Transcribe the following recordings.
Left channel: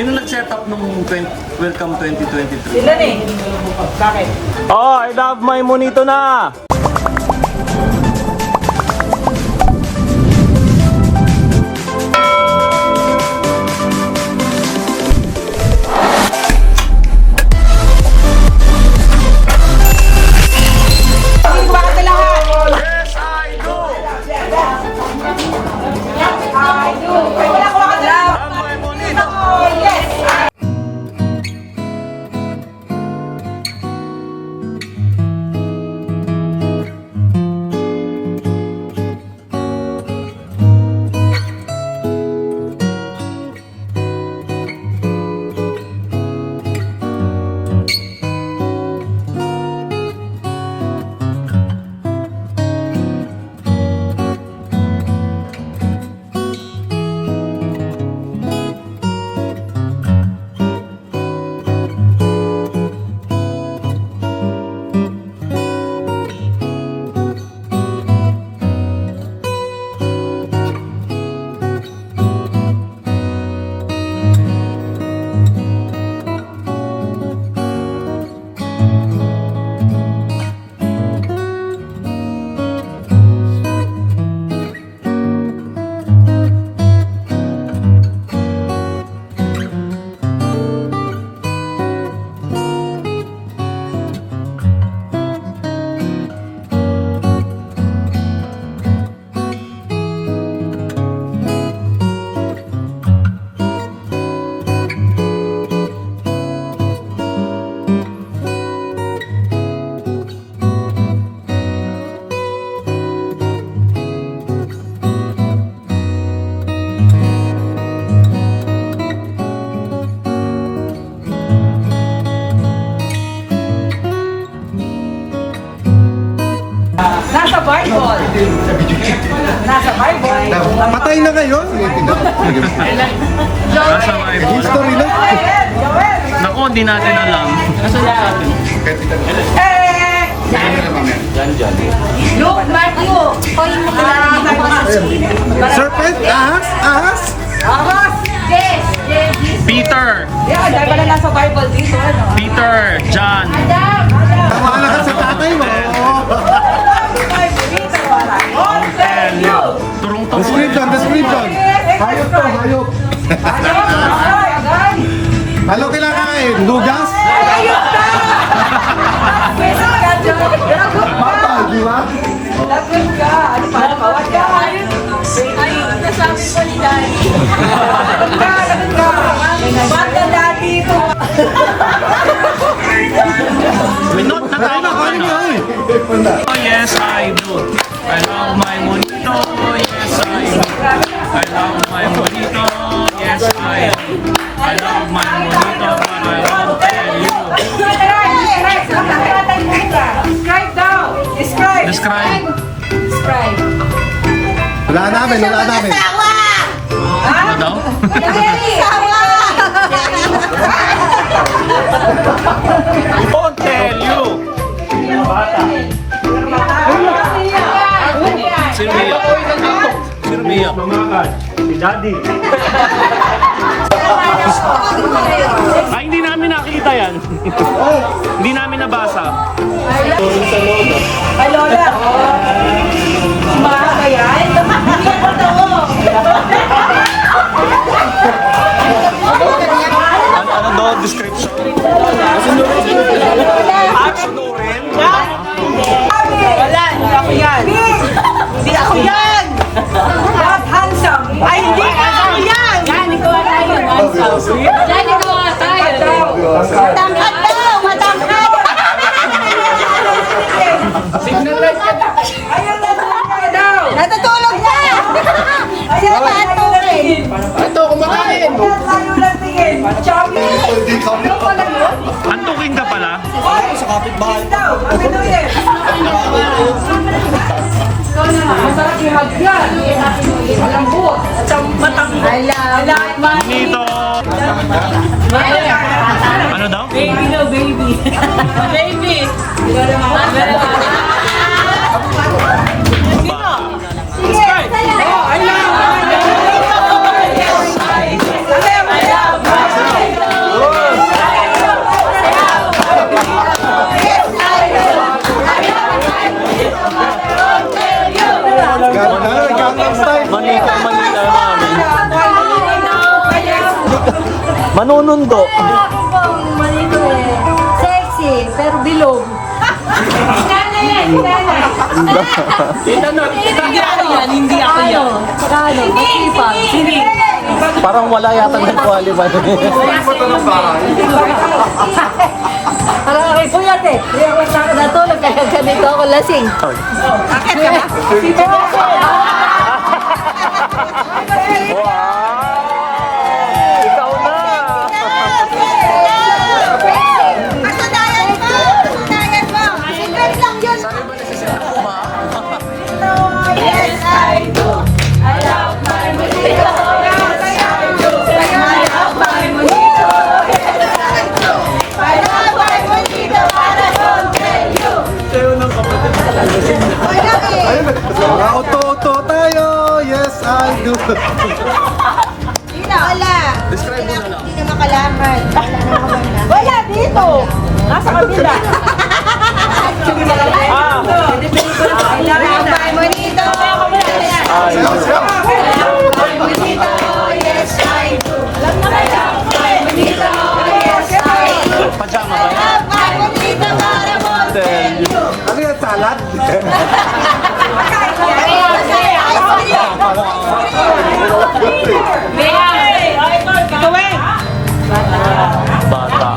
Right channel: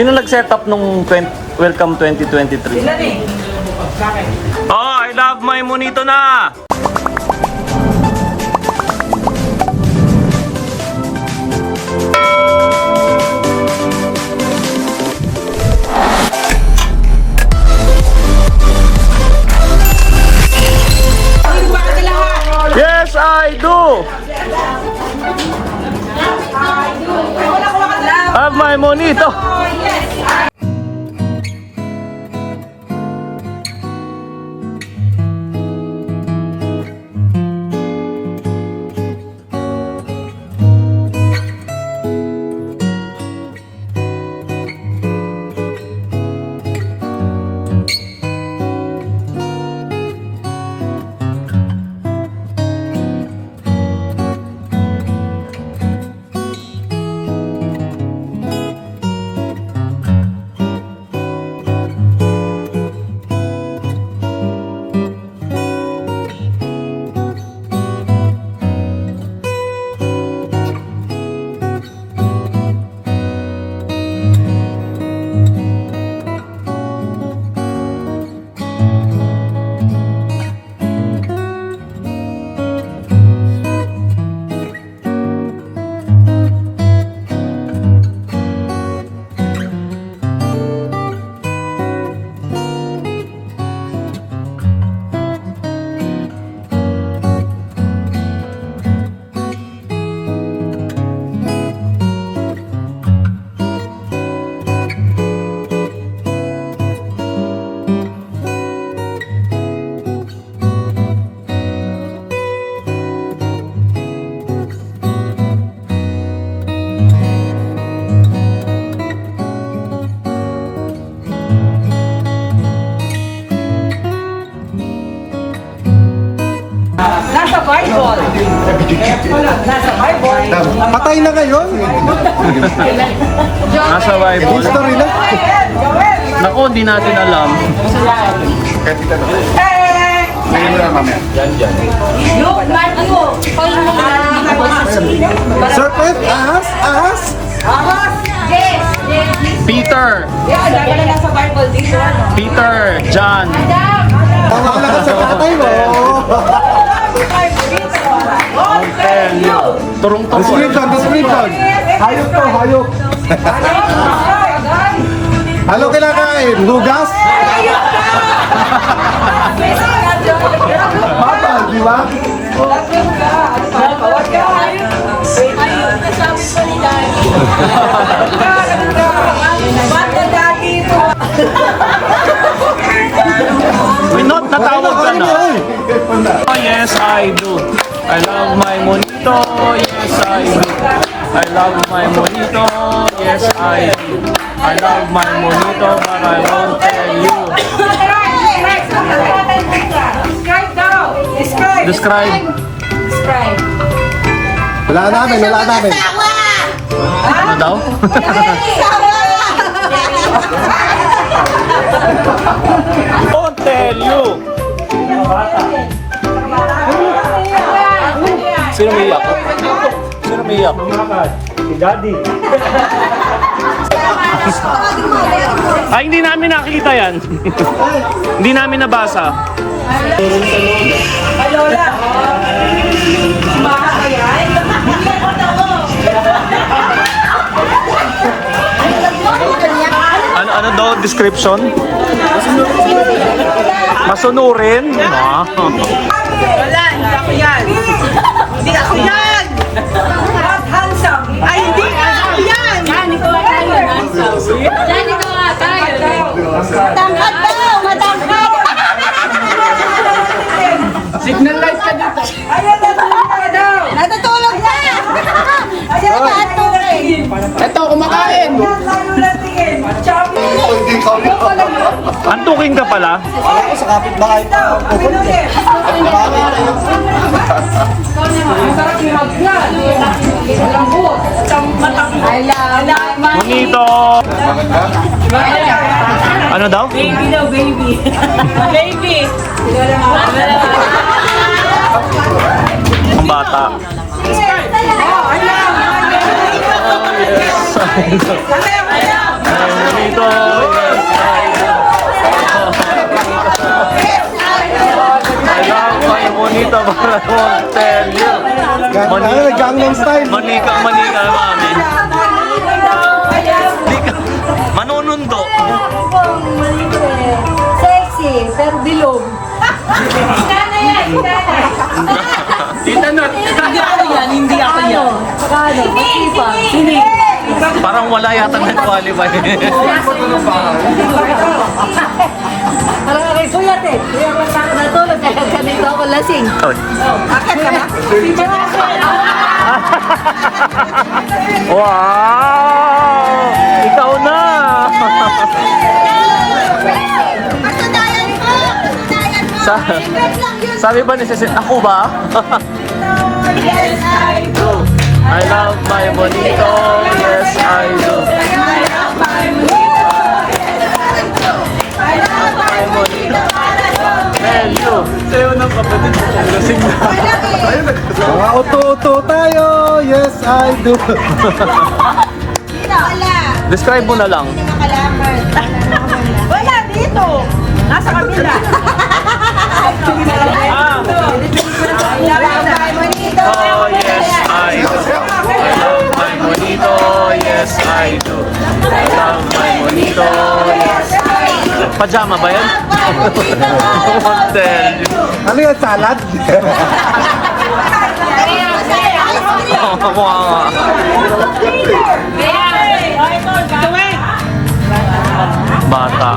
Sino nag-set up nung Welcome 2023? Sila eh. Bakit? Oh, I love my monito na! Yes, I do! Have my monito! Nasa Bible. Nasa Bible. Patay na kayo? Nasa Bible. History na. Joel! Naku, hindi natin alam. Eh! Luke, Matthew. Serpent, ahas. Ahas! Yes! Peter, Yeah, dahil pala nasa Bible dito, ano? Peter, John. Tama ka na sa patay mo. Tell you. Turong-turong. Description. Hayop to, hayop. Halo kinakain? Lugas? Mata, di ba? Lagot ka! Ano pa? Kawat ka! Ayun, nasabi ko ni Daddy. Lagot ka! Ba't ka dati ito? Minot na tawag ka na. Oh, yes, I do. I love my monito. Yes, I do. I love my monito. Yes, I do. I love my monito, but I won't tell you. Describe daw! Describe! Describe. Describe! Wala namin. Ano daw? Won't tell you. Sino umiyak? Sino umiyak? Si Daddy. Ay, hindi namin nakita yan. Hindi namin nabasa. Ay, Lola! Mahaba yan? Ano daw description? Masunurin? Ah. Wala, hindi ako yan. Hindi ako yan! Not handsome! Ay, hindi ako yan! Yan, ikaw nga tayo. Yan, ikaw nga tayo. Matangkad daw! Matangkad! Signal light ka daw! Ayan, natulog ka daw! Natutulog na! Ayan, natulog! Ito, kumakain. Layo lang tingin! Chubby! Ano pala yun? Antuking ka pala? Sa kapitbahay. Daw, kami ulit! Ang sarap yung hagdan! Malambot! At ang matang... I love my Monito! Ano daw? baby daw, baby. Baby. Ang bata. Oh, I love! Manunundo. Malito eh. Sexy, pero bilog. Hindi ako yan, hindi ako yan. Pagano, masipag. Hindi. Parang wala yata nag-qualify. Parang kay Puyat eh. Kaya wala ka natulog. Kaya ganito ako lasing. Akit ka ba? Wow! Ikaw na! Kasunayan mo! Kasunayan mo! Sa- Secret lang yun! Sabi ba ni Cecil, ako ba? Yes, I do! I love my bonito. Yes, I do. I love my bonito! Yes, I do! I love my bonito! Para tell you! Mga uto-uto tayo. Yes, I do. Wala! Describe mo na lang. Hindi na makalaman. Wala dito. Nasa kabila. I love my bonito! Oh, yes, I do. I love my bonito. Yes, I do. I love my bonito. Yes, I do. Pajama ba yan? My bonito! Para Tell you. Ano yan, salad? Bata.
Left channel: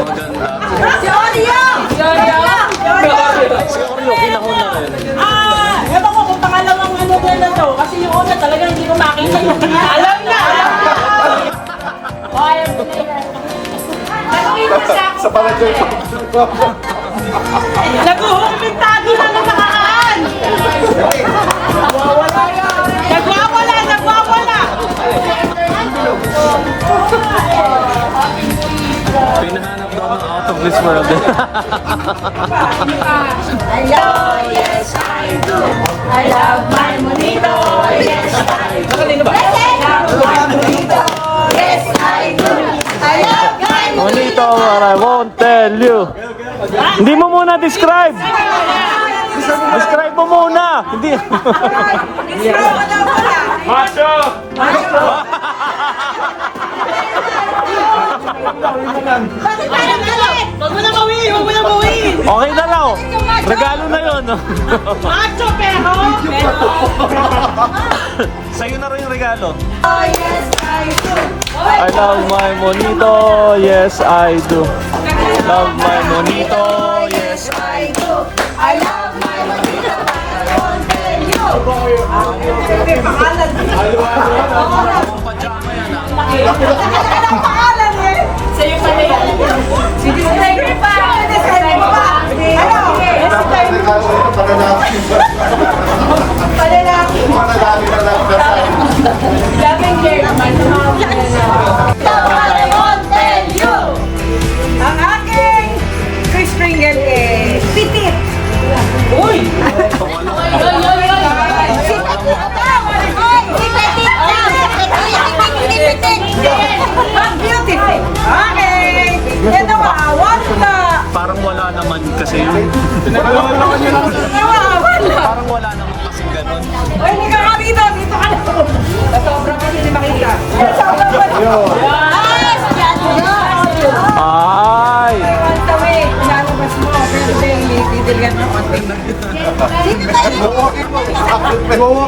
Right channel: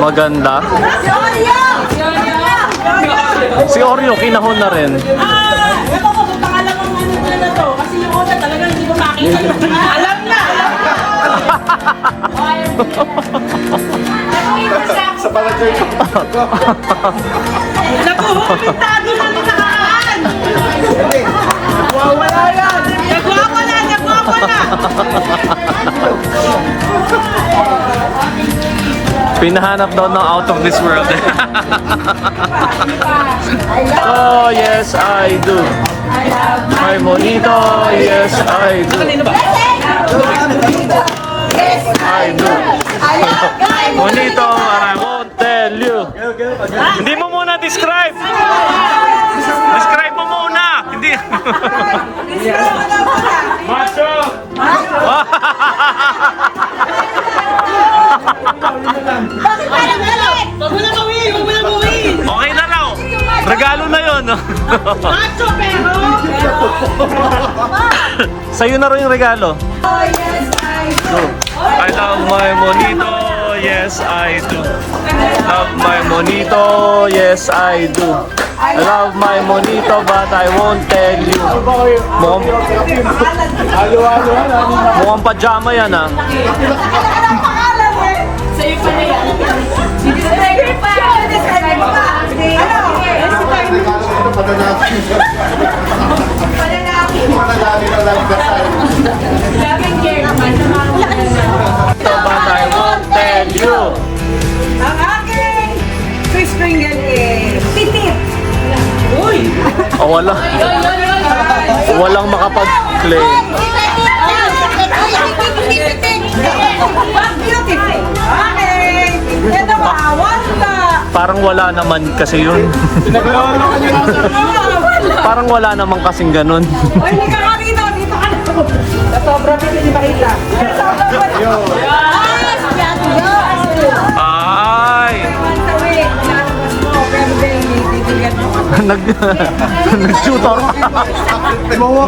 Maganda. Si Oreo, kinahon na rin. Ewan ko kung pangalan ng ano doon na to. Kasi yung una talaga hindi ko makita yung alam na. Sa pangatay. Nag-uhukit tayo na nakaraan. Nagwawala. Pinahanap daw ng out of this world. Oh, yes, I do. I love My bonito, yes, I do. Yes, I do. I love my Bonito, and I won't tell you. Hindi mo muna describe. Describe mo muna. Hindi. Macho! Bakit parang galit? Huwag mo na bawiin, huwag mo na bawiin. Okay na raw. Regalo na yun. Macho, pero. Sa'yo na rin yung regalo. Oh, yes, I do. I love my bonito, yes I do. Love my bonito, yes I do. I love my bonito, but I won't tell you. Mukhang pajama yan ah. Anong pangalan eh? Sa'yo pala yan. Sige, sige pa. Sige pa. Ano? Daming care naman. But I won't tell you. Ang aking fish Pringle eh. Pitit. Uy! Oh, walang makapag-play. Beautiful. Okay. Ito wala. Parang wala naman kasi yun. Parang wala naman kasing ganun. Ay, hindi ka makita. Dito ka na. Sa sobrang hindi makita. Sobrang Ay!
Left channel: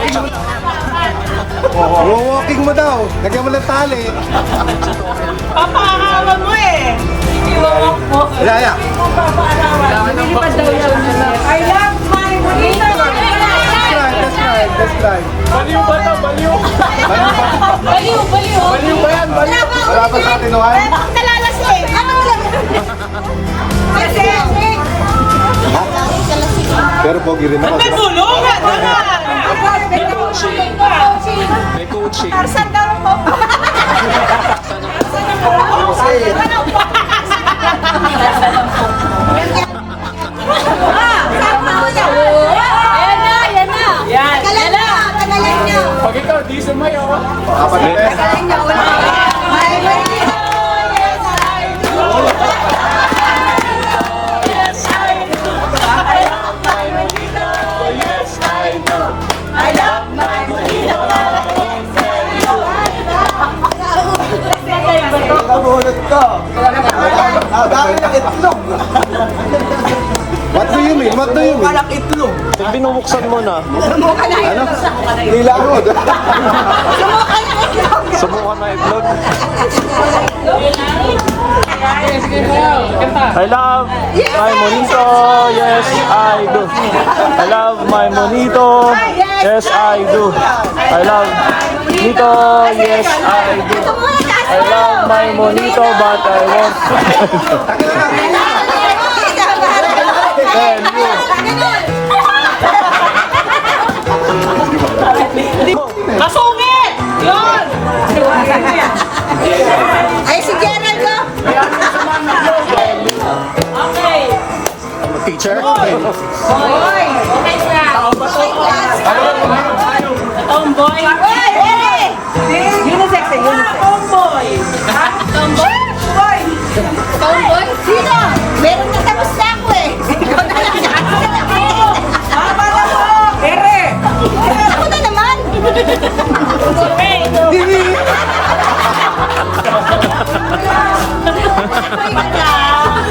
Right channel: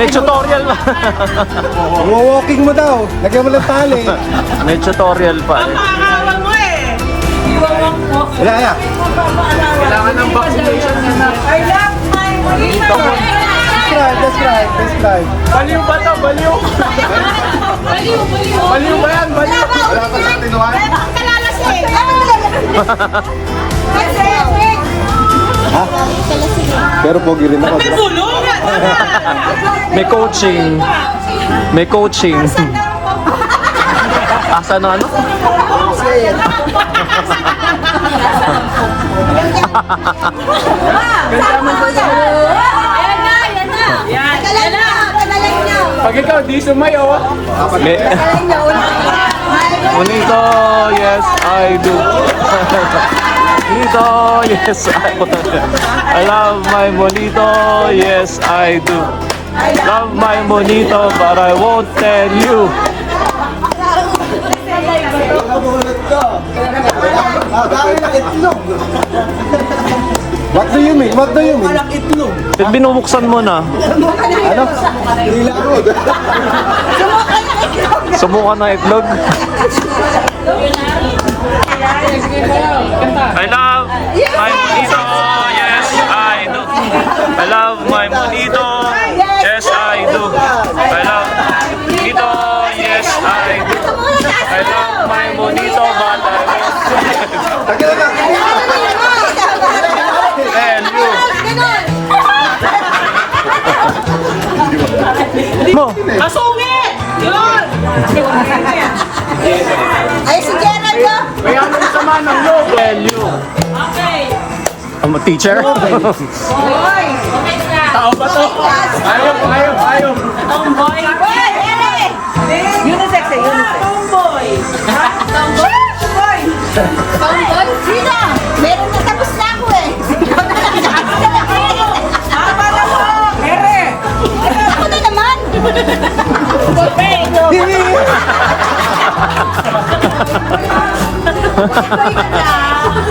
Nag-tutorial pa. Walking mo daw. Lagyan mo lang tali. Nag-tutorial pa. Pangawan mo eh. Iwawak mo. Wala yan. I love my bonito. Let's try. Baliw. Wala pa natin naman. Pero pogi rin ako. May gulong. May coaching. May coaching. Asa na ano? May... Bonito, yes, I do. Bonito, yes, I do. I love my bonito, yes, I I do. I love my bonito, but I won't tell you. Nabunod ka. Dahil ng itlog. What do you mean? What do you mean? Walang itlog. Binubuksan mo na. Ano? Nilakod. Sumukan na itlog. I love my monito, yes I do. I love my monito, yes I do. I love monito, yes I do. I love my monito, but I won't tell you. Kasungit! Yun! Ay, si Gerald ko. Okay. Teacher? Okay na. Tomboy. Unisex eh, unisex. Tomboy. Tomboy? Tomboy? Sino? Meron na tapos na ako eh. Ikaw na lang. Tama na mo! Ere! Ako na naman.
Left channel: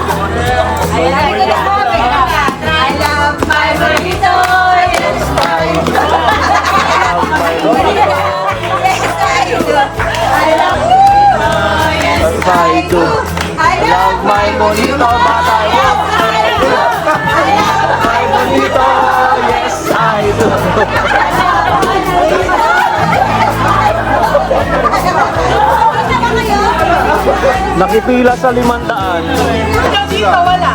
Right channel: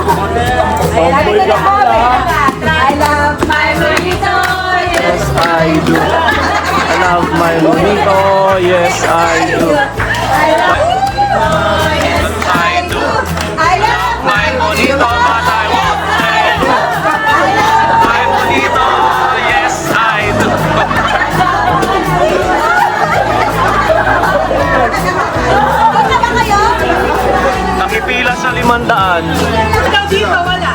Lagi ko na po. I love my bonito. Yes, I do. Yes I do. I love Yes I do. I love my bonito, but I won't tell you. My bonito, yes I do. Nakipila sa 500. Dito, wala.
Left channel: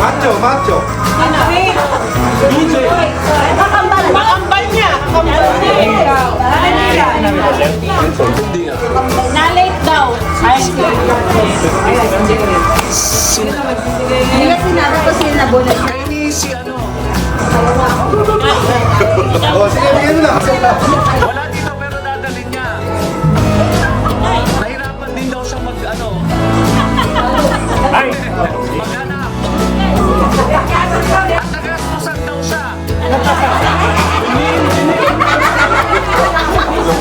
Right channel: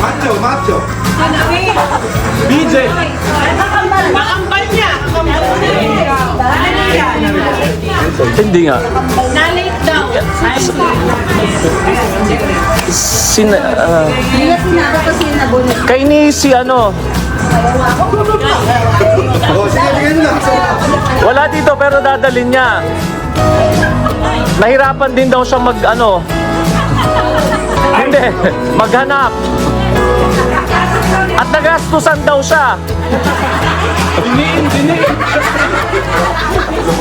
Macho, macho. Makambal niya. Hindi nga. Na-late daw. Hindi na sinabi ko sino nabunod. Kay ni si ano, Oh, sige, yun lang. wala dito pero dadalhin niya. Nahirapan din daw siya mag ano. Hindi, maghanap. At nagastusan daw siya.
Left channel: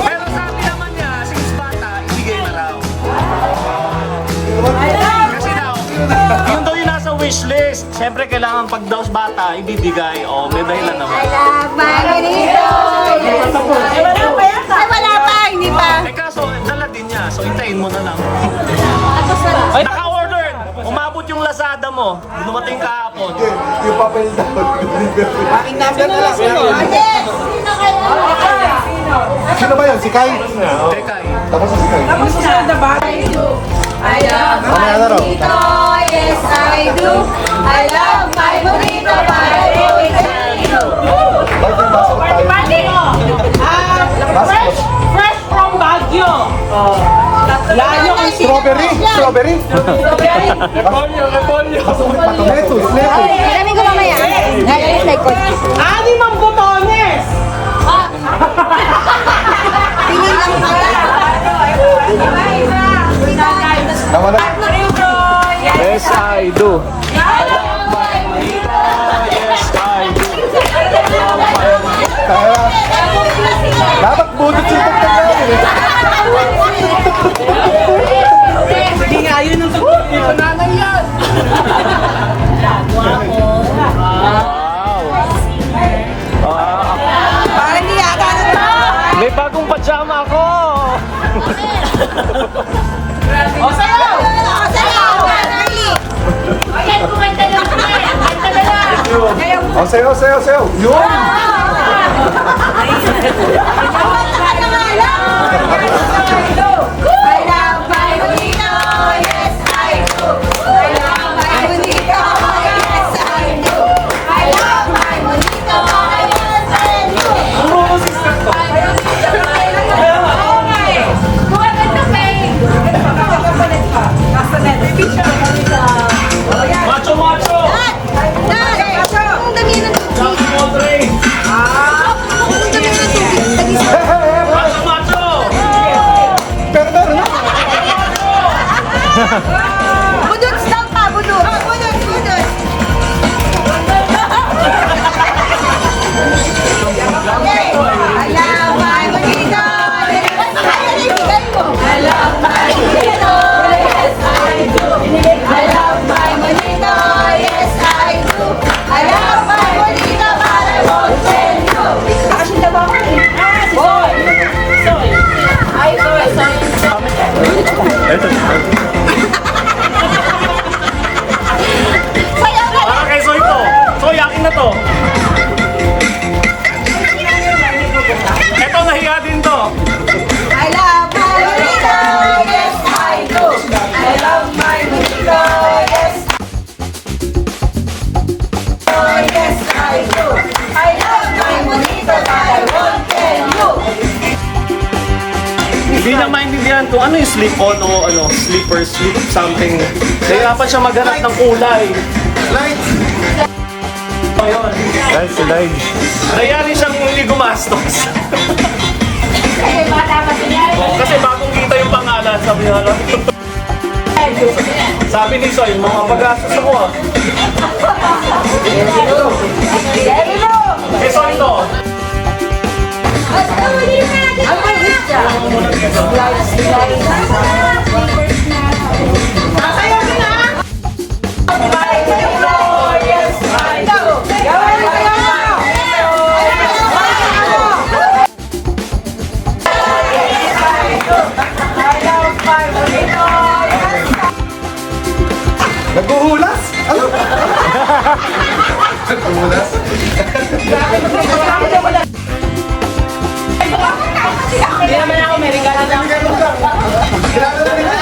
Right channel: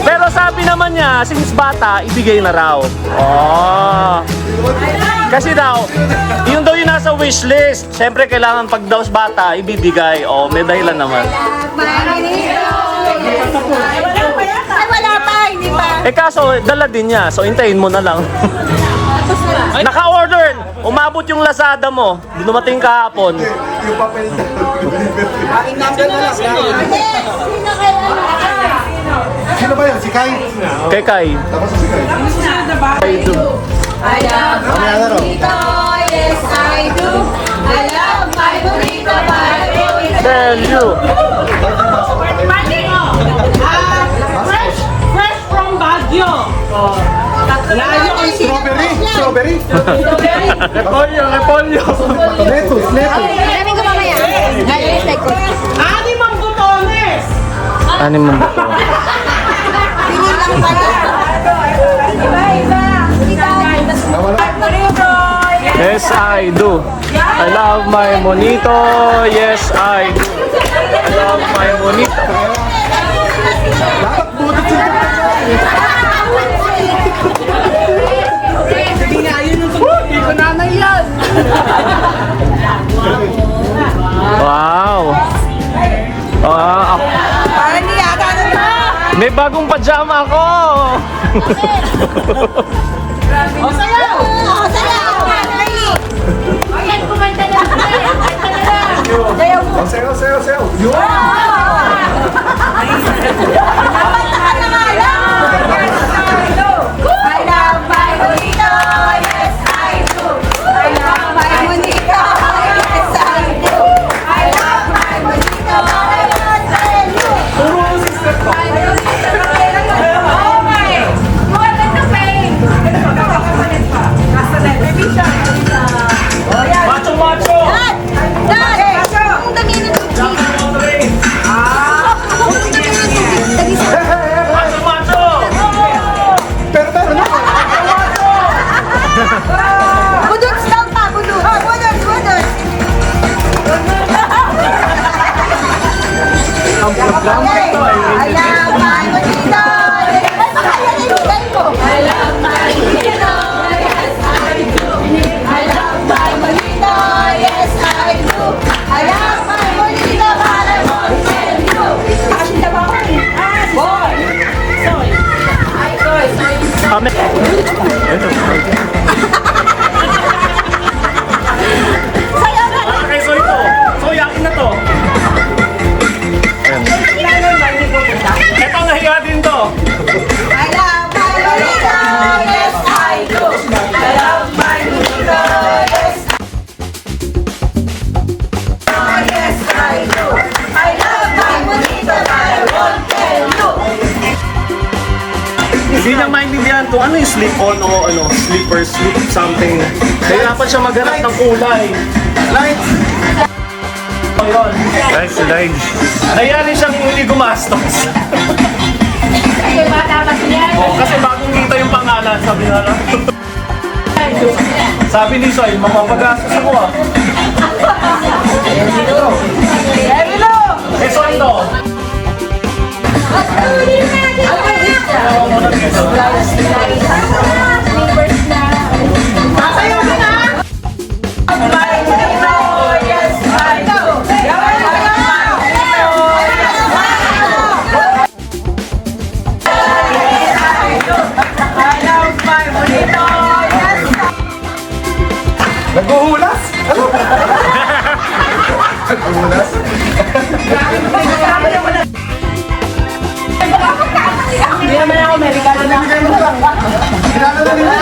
Pero sabi naman niya, since bata, ibigay na raw. Oh. Kasi daw, yun daw yung nasa wishlist. Siyempre, kailangan pag daw bata, ibibigay. Oh, may dahilan naman. Love my bonito. Ay, wala pa. Hindi pa. Eh kaso, dala din niya. So, hintayin mo na lang. Naka-order! Umabot yung Lazada mo. Dumating kahapon. Yung papel na. Ate, sino kaya? Sino ba yan? Si Kai? Kay Kai. Tapos si Kai. I love my bonito, yes I do. I love my bonito, my bonito. Tell you. Fresh from Baguio. Layo ang Strawberry? Strawberry? Lettuce, lettuce. Alam ko mamaya. Ngayon, like ko. Anim ang butones. Ano mo? Tingin lang pala. Tama na. Yes, I do. I love my monito. Yes, I do. I love my monito. Dapat butit yung Sige nga, yun yung susunod. Wow. Wow. Parang hindi yata na to. May bagong pajama ako. O, sayaw! O, sayaw! Ayan, kumenta lang. Kumenta na lang. Ang sayo, sayo, sayo. Yun! Kumenta ka na nga lang. I love my bonito, yes I do. I love my bonito, yes I do. I love my bonito, yes I do. Okay. Go ahead to pain. Macho, macho. Dad! Dad! Ang dami na to. Hindi niya maintindihan kung ano yung slip on o ano, slipper, slip something. Kaya pa siya maghanap ng kulay. Light! So yun. Guys, si Lige. Nangyari siyang hindi gumastos. Oh, kasi bagong kita yung pangalan, sabi niya lang. Sabi ni Soy, mapapagastos ako ah. Eh, Soy to. Tatayo ka na! Nagbuhulas? Ano? Nagbuhulas? Hindi naman ako Amerikano na. Kilala na nila.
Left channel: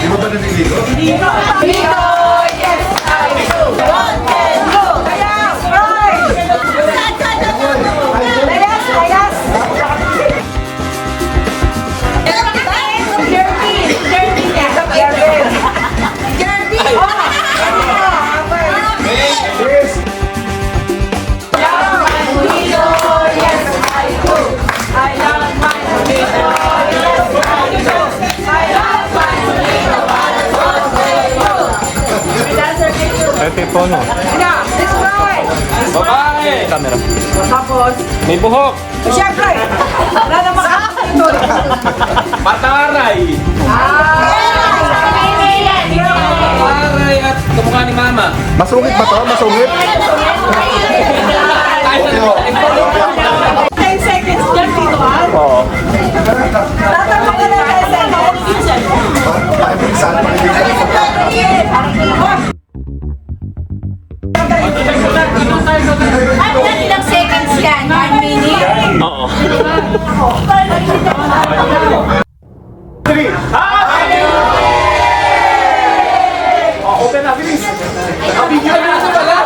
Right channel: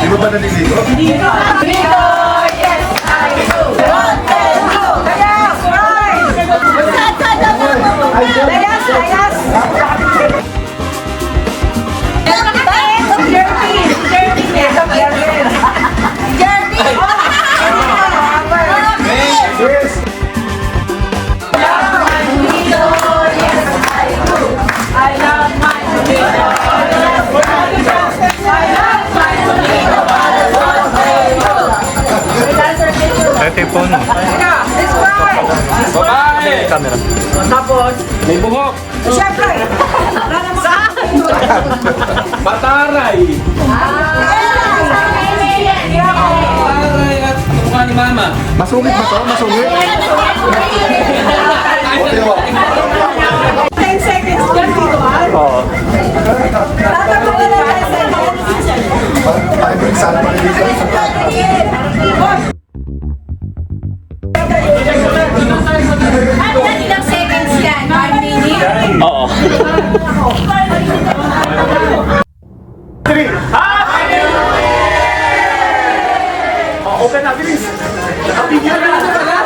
Di ba ba naliligo? Ito yung phone mo. Babae! Camera. Tapos, May buhok. siyempre, wala namang Pataray. Pataray at kamukha ni Mama. Masungit ba to? Masungit? 10 seconds dyan dito ah. Oo. Saan pa naliligo? Ilang seconds yan? 1 minute? Oo. 3. Happy New Year! Oh, open na, bilis. Happy New Year na pala.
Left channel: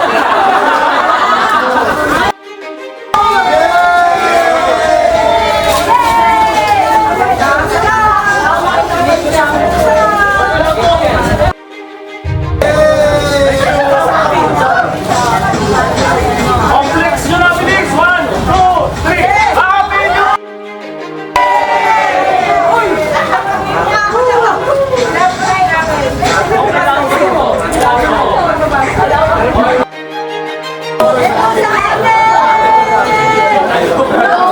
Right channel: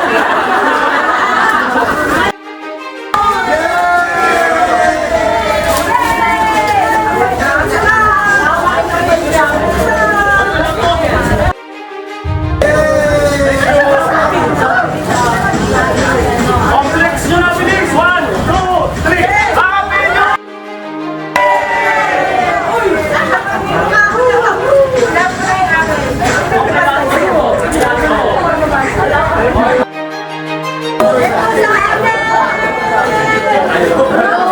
Complex nyo na, bilis. 1, 2, 3. Happy New Year! Hello!